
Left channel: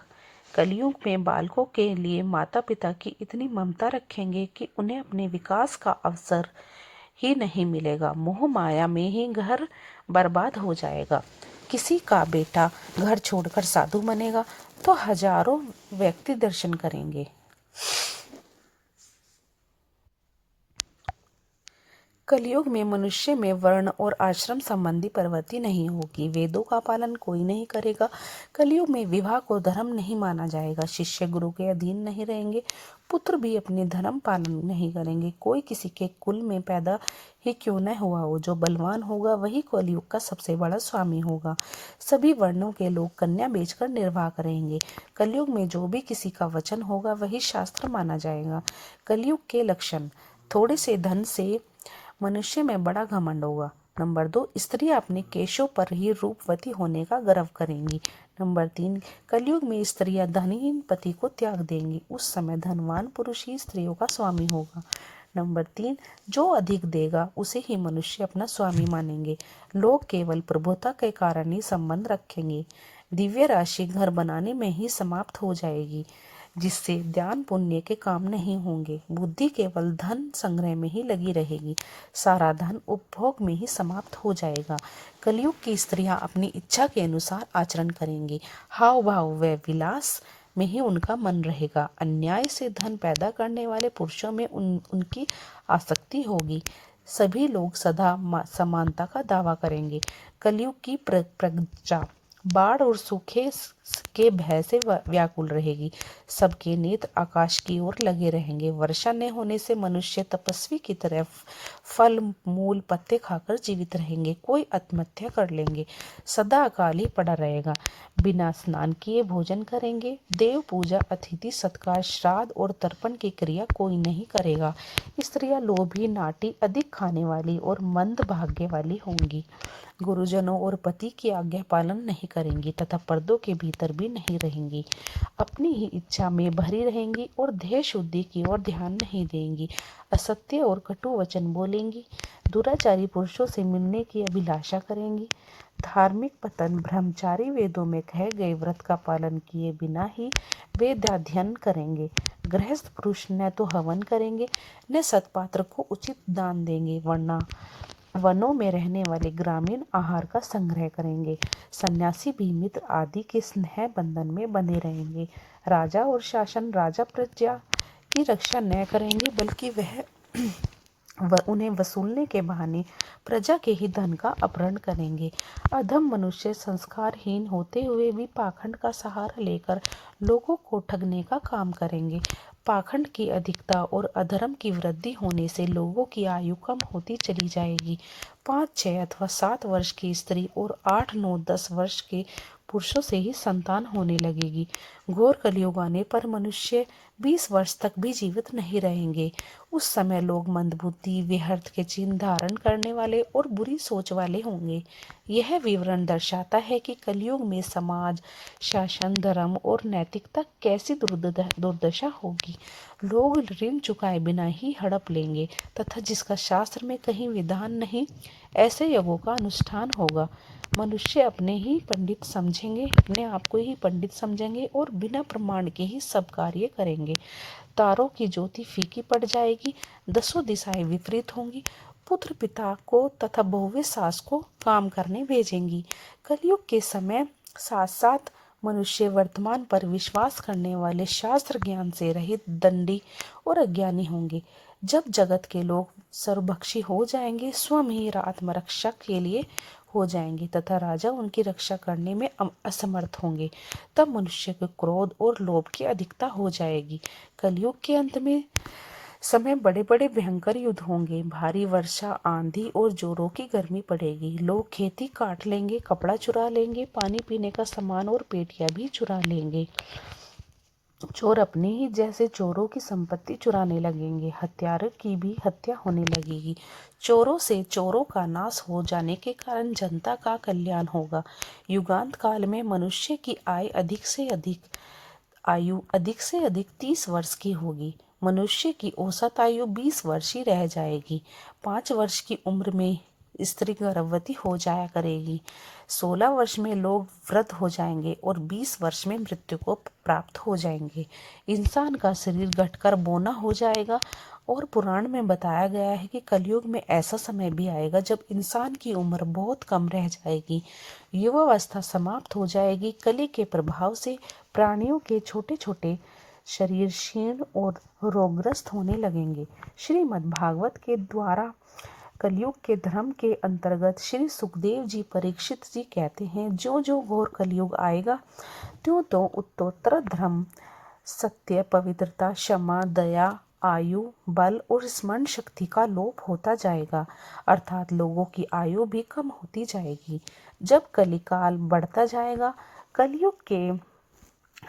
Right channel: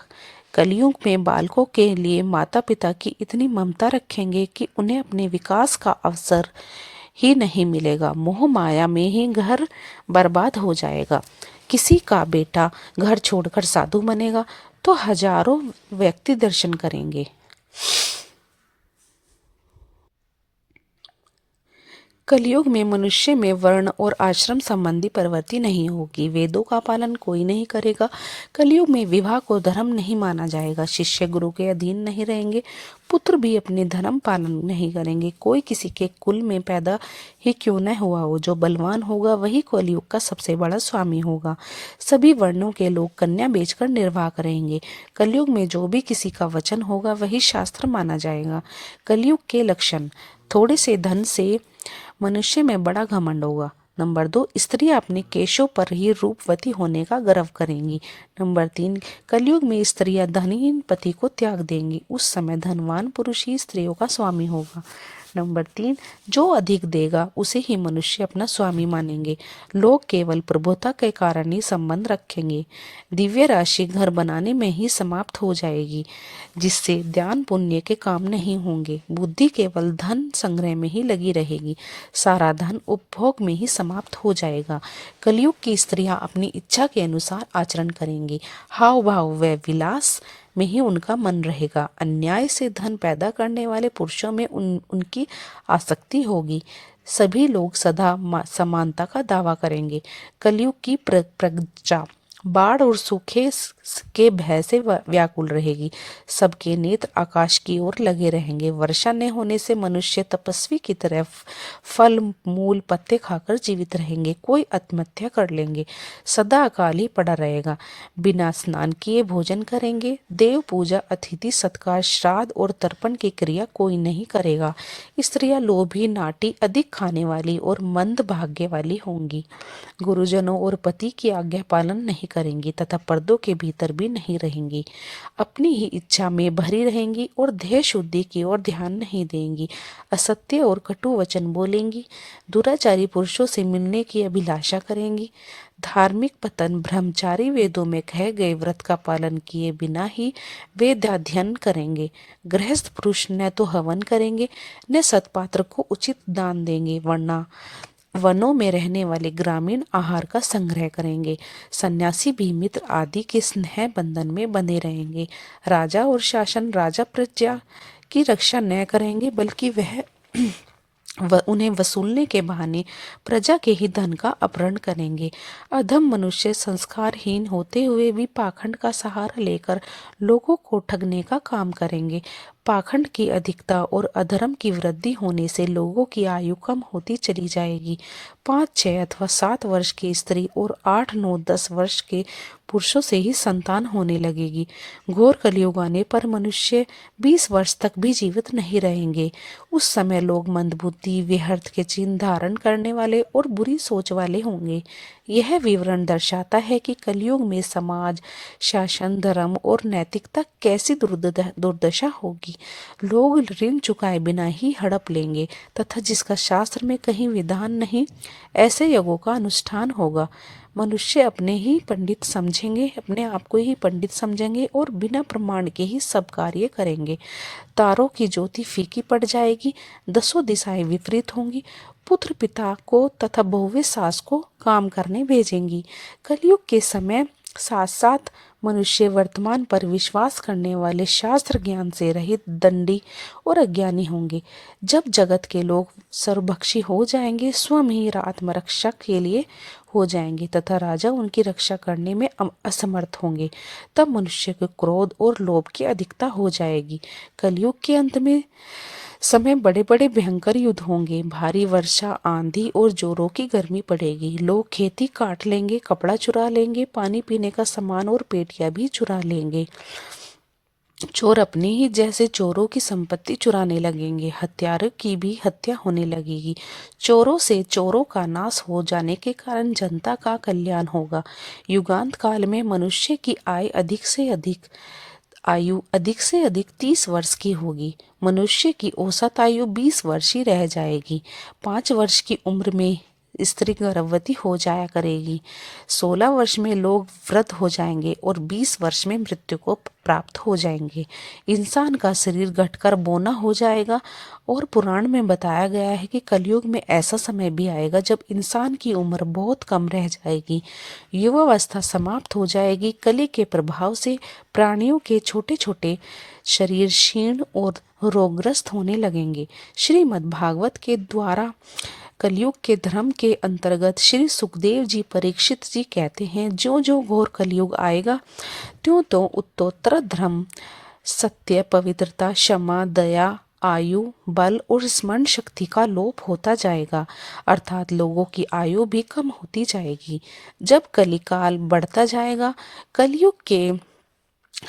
कलयुग में बालकों के लिए माता पिता की इतनी ममता रखेंगे कि उन्हें अपने विकास का अवसर ही नहीं मिलेगा। मोह माया में ही घर बर्बाद हो जाएगा। किसी का बेटा घर छोड़कर साधु बनेगा तो हजारों व्यक्ति दर्शन करेंगे। कलयुग में मनुष्य में वर्ण और आश्रम संबंधी प्रवृत्ति नहीं होगी। वेदों का पालन कोई नहीं करेगा। कलयुग में विवाह को धर्म नहीं माना जाएगा। शिष्य गुरु के अधीन नहीं रहेंगे। पुत्र भी अपने धर्म पालन नहीं करेंगे। कोई किसी के कुल में पैदा ही क्यों न हुआ हो, जो बलवान होगा वही कलयुग का सबसे बड़ा स्वामी होगा। सभी वर्णों के लोग कन्या बेचकर निर्वाह करेंगे। कलयुग में जो भी किसी का वचन होगा वही शास्त्र माना जाएगा। कलयुग के लक्षण। थोड़े से धन से मनुष्य में बड़ा घमंड होगा। नंबर 2, स्त्रियां अपने केशों पर ही रूपवती होने का गर्व करेंगी। नंबर 3, कलयुग में स्त्रियां धनहीन पति को त्याग देंगी। उस समय धनवान पुरुष ही स्त्रियों का स्वामी होगा। नंबर 3, जो अधिक देगा उसे ही मनुष्य अपना स्वामी मानेंगे। लोग केवल प्रभुता के कारण ही संबंध रखेंगे। दिव्य राशि घर बनाने में ही समाप्त हो जाएगी, जिससे ध्यान पुण्य के काम नहीं होंगे। बुद्धि केवल धन संग्रह में ही लगी रहेगी। सारा धन उपभोग में ही समाप्त हो जाएगा। कलयुग की स्त्रियां अपनी इच्छा के अनुसार आचरण करेंगी। हाव भाव व विलास में ही उनका मन रहेगा। अन्याय से धन पैदा करने वाले पुरुषों में उनकी आसक्ति होगी। सभी लोग सदा समानता का दावा करेंगे। कलयुग की प्रजा बाढ़ और सूखे के भय से व्याकुल रहेगी। सबके नेत्र आकाश की ओर लगे रहेंगे। वर्षा न होने से मनुष्य तपस्वी की तरह फल मूल पत्ते खाकर जीवित रहेंगे। कोई आत्महत्या कर लेंगे। सदा अकाल ही पड़ा रहेगा। बिना स्नान किए भोजन करेंगे। देव पूजा, अतिथि सत्कार, श्राद्ध और तर्पण की क्रिया कोई नहीं करेगा। स्त्रियां लोभी, नाटी, अधिक खाने वाली और मंद भाग्य वाली होंगी। गुरुजनों और पति की आज्ञा पालन नहीं करेंगी तथा पर्दों के भीतर भीतर भी नहीं रहेंगी, अपनी ही इच्छा में भरी रहेंगी और ध्येय शुद्धि की ओर ध्यान नहीं देंगी, असत्य और कटु वचन बोलेंगी, दुराचारी पुरुषों से मिलने की अभिलाषा करेंगी, धार्मिक पतन ब्रह्मचारी वेदों में कहे गए व्रत का पालन किए बिना ही वेदाध्ययन करेंगे, गृहस्थ पुरुष न तो हवन करेंगे न सत्पात्र को उचित दान देंगे, वरना वनों में रहने वाले ग्रामीण आहार का संग्रह करेंगे, सन्यासी भी मित्र आदि के स्नेह बंधन में बंधे रहेंगे, राजा और शासन राजा प्रजा की रक्षा न करेंगे बल्कि उन्हें वसूलने के बहाने प्रजा के ही धन का अपहरण करेंगे। अधम मनुष्य संस्कारहीन होते हुए भी पाखंड का सहारा लेकर लोगों को ठगने का काम करेंगे। पाखंड की अधिकता और अधर्म की वृद्धि होने से लोगों की आयु कम होती चली जाएगी। 5, 6 अथवा 7 वर्ष की स्त्री और 8, 9, 10 वर्ष के पुरुषों से ही संतान होने लगेगी। घोर कलयुग आने पर मनुष्य 20 वर्ष तक भी जीवित नहीं रहेंगे। उस समय लोग मंदबुद्धि, व्यर्थ के चिन्ह धारण करने वाले और बुरी सोच वाले होंगे। यह विवरण दर्शाता है कि कलयुग में समाज, शासन, धर्म और नैतिकता कैसी दुर्दशा होगी। लोग ऋण चुकाए बिना ही हड़प लेंगे तथा जिसका शास्त्र में कहीं विधान नहीं, ऐसे योगों का अनुष्ठान होगा। मनुष्य अपने आप को ही पंडित समझेंगे और बिना प्रमाण के ही सब कार्य करेंगे। तारों की ज्योति फीकी पड़ जाएगी, 10 दिशाएं विपरीत होंगी, पुत्र पिता को तथा बहुएं सास को काम करने भेजेंगी। कलयुग के समय साथ साथ मनुष्य वर्तमान पर विश्वास करने वाले शास्त्र ज्ञान से रहित दंडी और अज्ञानी होंगे। जब जगत के लोग सर्वभक्षी हो जाएंगे, स्वयं ही आत्मरक्षा के लिए हो जाएंगे तथा राजा उनकी रक्षा करने में असमर्थ होंगे, तब मनुष्य के क्रोध और लोभ की अधिकता हो जाएगी। कलयुग के अंत में समय बड़े बड़े भयंकर युद्ध होंगे, भारी वर्षा, आंधी और जोरों की गर्मी पड़ेगी। लोग खेती काट लेंगे, कपड़ा चुरा लेंगे, पानी पीने का सामान और पेटियां भी चुरा लेंगे। चोर अपने ही जैसे चोरों की संपत्ति चुराने लगेंगे, हत्यारों की भी हत्या होने लगेगी। चोरों से चोरों का नाश हो जाने के कारण जनता का कल्याण होगा। युगांत काल में मनुष्य की आयु अधिक से अधिक 30 वर्ष की होगी। मनुष्य की औसत आयु 20 वर्ष ही रह जाएगी। 5 वर्ष की उम्र में स्त्री गर्भवती हो जाया करेगी। 16 वर्ष में लोग वृद्ध हो जाएंगे और 20 वर्ष में मृत्यु को प्राप्त हो जाएंगे। इंसान का शरीर घटकर बौना हो जाएगा और पुराण में बताया गया है कि कलयुग में ऐसा समय भी आएगा जब इंसान की उम्र बहुत कम रह जाएगी, युवावस्था समाप्त हो जाएगी। कली के प्रभाव से प्राणियों के छोटे छोटे शरीर क्षीण और रोगग्रस्त होने लगेंगे। श्रीमद् भागवत के द्वारा कलयुग के धर्म के अंतर्गत श्री सुखदेव जी परीक्षित जी कहते हैं, जो जो घोर कलयुग आएगा त्यों तो उत्तरोत्तर धर्म, सत्य, पवित्रता, क्षमा, दया, आयु, बल और स्मरण शक्ति का लोप होता जाएगा, अर्थात लोगों की आयु भी कम होती जाएगी। जब कलिकाल बढ़ता जाएगा, कलयुग के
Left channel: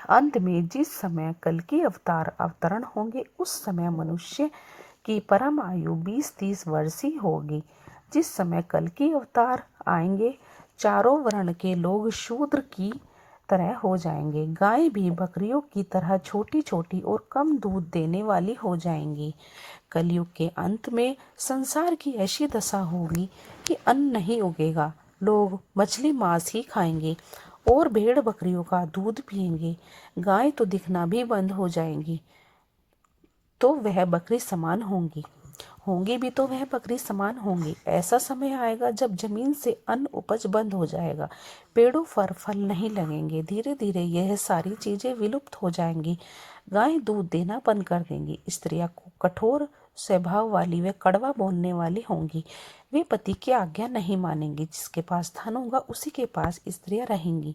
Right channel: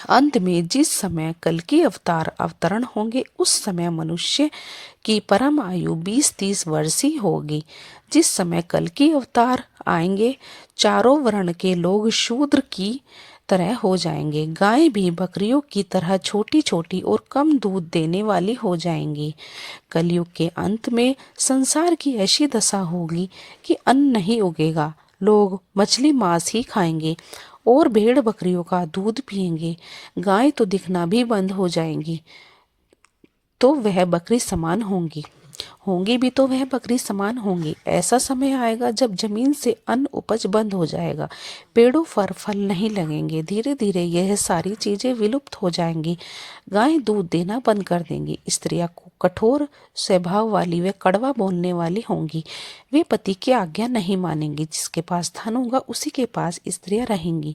अंत में जिस समय कल की अवतरण होंगे, उस समय मनुष्य की परम आयु 20-30 वर्ष ही होगी। जिस समय कल की अवतार आएंगे, चारों वर्ण के लोग शूद्र की तरह हो जाएंगे। गाय भी बकरियों की तरह छोटी छोटी और कम दूध देने वाली हो जाएंगी। कलयुग के अंत में संसार की ऐसी दशा होगी कि अन्न नहीं उगेगा, लोग मछली मांस ही खाएंगे और भेड़ बकरियों का दूध पिएंगे। गाय तो दिखना भी बंद हो जाएंगी, तो वह बकरी समान होंगी भी तो वह बकरी समान होंगी। ऐसा समय आएगा जब जमीन से अन्न उपज बंद हो जाएगा, पेड़ों पर फल नहीं लगेंगे। धीरे धीरे यह सारी चीजें विलुप्त हो जाएंगी। गाय दूध देना बंद कर देंगी। स्त्रियां कठोर स्वभाव वाली व कड़वा बोलने वाली होंगी। वे पति की आज्ञा नहीं मानेंगी। जिसके पास धन होगा उसी के पास स्त्रियां रहेंगी।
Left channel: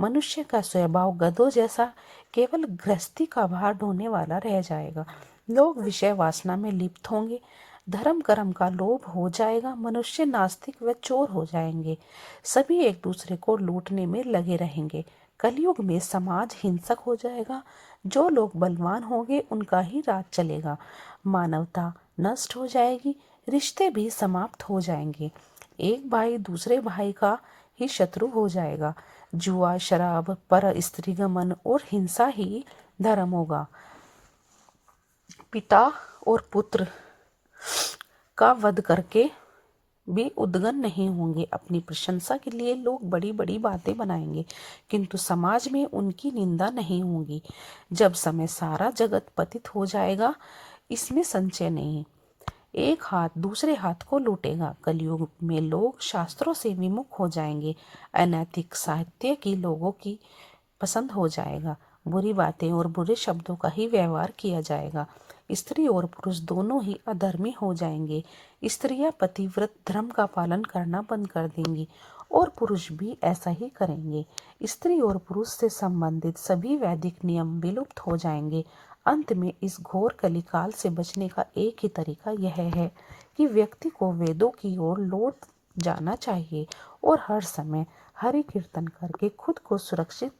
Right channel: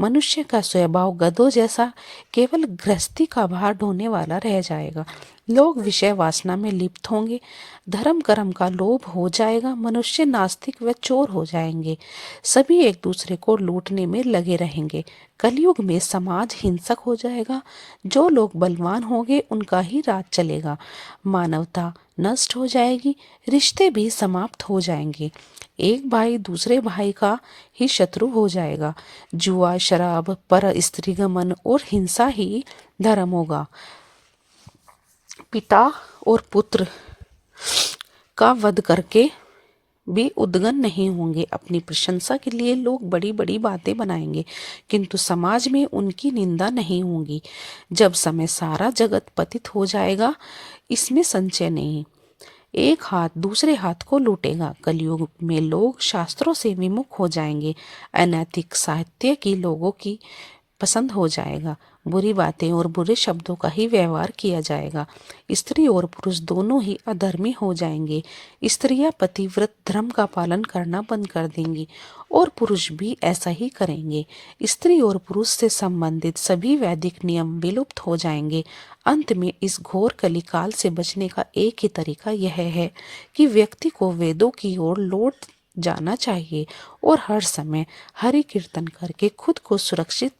मनुष्य का स्वभाव गधों जैसा केवल गृहस्थी का भार ढोने वाला रह जाएगा। लोग विषय वासना में लिप्त होंगे। धर्म कर्म का लोभ हो जाएगा। मनुष्य नास्तिक व चोर हो जाएंगे। सभी एक दूसरे को लूटने में लगे रहेंगे। कलयुग में समाज हिंसक हो जाएगा। जो लोग बलवान होंगे उनका ही राज चलेगा। मानवता नष्ट हो जाएगी। रिश्ते भी समाप्त हो जाएंगे। एक भाई दूसरे भाई का ही शत्रु हो जाएगा। जुआ, शराब, पर स्त्रीगमन और हिंसा ही धर्म होगा। पिता और पुत्र का वध करके भी उद्गन नहीं होंगे। अपनी प्रशंसा के लिए लोग बड़ी बड़ी बातें बनाएंगे, किंतु समाज में उनकी निंदा नहीं होगी। जब समय सारा जगत पतित हो जाएगा, इसमें संशय नहीं। एक हाथ दूसरे हाथ को लूटेगा। कलयुग में लोग शास्त्रों से विमुख हो जाएंगे। अनैतिक साहित्य की लोगों की पसंद हो जाएगा। बुरी बातें और बुरे शब्दों का ही व्यवहार किया जाएगा। स्त्री और पुरुष दोनों ही अधर्मी हो जाएंगे। स्त्रियां पतिव्रत धर्म का पालन करना बंद कर देंगी और पुरुष भी ऐसा ही करेंगे। स्त्री और पुरुष से संबंधित सभी वैदिक नियम विलुप्त हो जाएंगे। अंत में इस घोर कलिकाल से बचने का एक ही तरीका यह है कि व्यक्ति को वेदों की ओर लौट जाना चाहिए और हर समय हरि कीर्तन करके खुद को सुरक्षित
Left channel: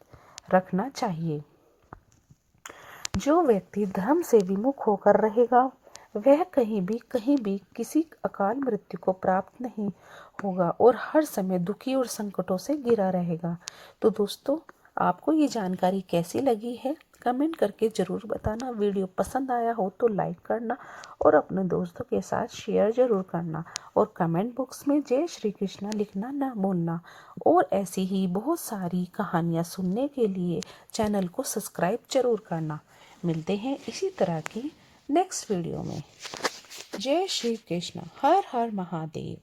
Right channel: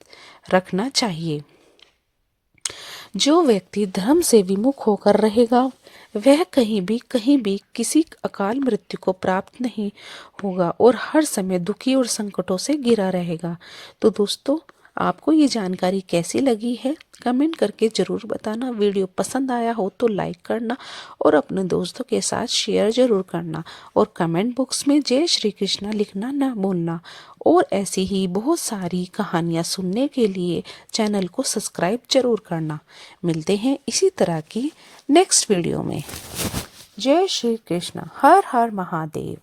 रखना चाहिए। जो व्यक्ति धर्म से विमुख होकर रहेगा, वह कहीं भी किसी अकाल मृत्यु को प्राप्त नहीं होगा और हर समय दुखी और संकटों से घिरा रहेगा। तो दोस्तों, आपको ये जानकारी कैसी लगी है, कमेंट करके ज़रूर बताना। वीडियो पसंद आया हो तो लाइक करना और अपने दोस्तों के साथ शेयर ज़रूर करना और कमेंट बॉक्स में जय श्री कृष्णा लिखना ना भूलना। और ऐसी ही बहुत सारी कहानियाँ सुनने के लिए चैनल को सब्सक्राइब जरूर करना। मिलते हैं इसी तरह की नेक्स्ट वीडियो में। जय श्री कृष्ण। हर हर महादेव।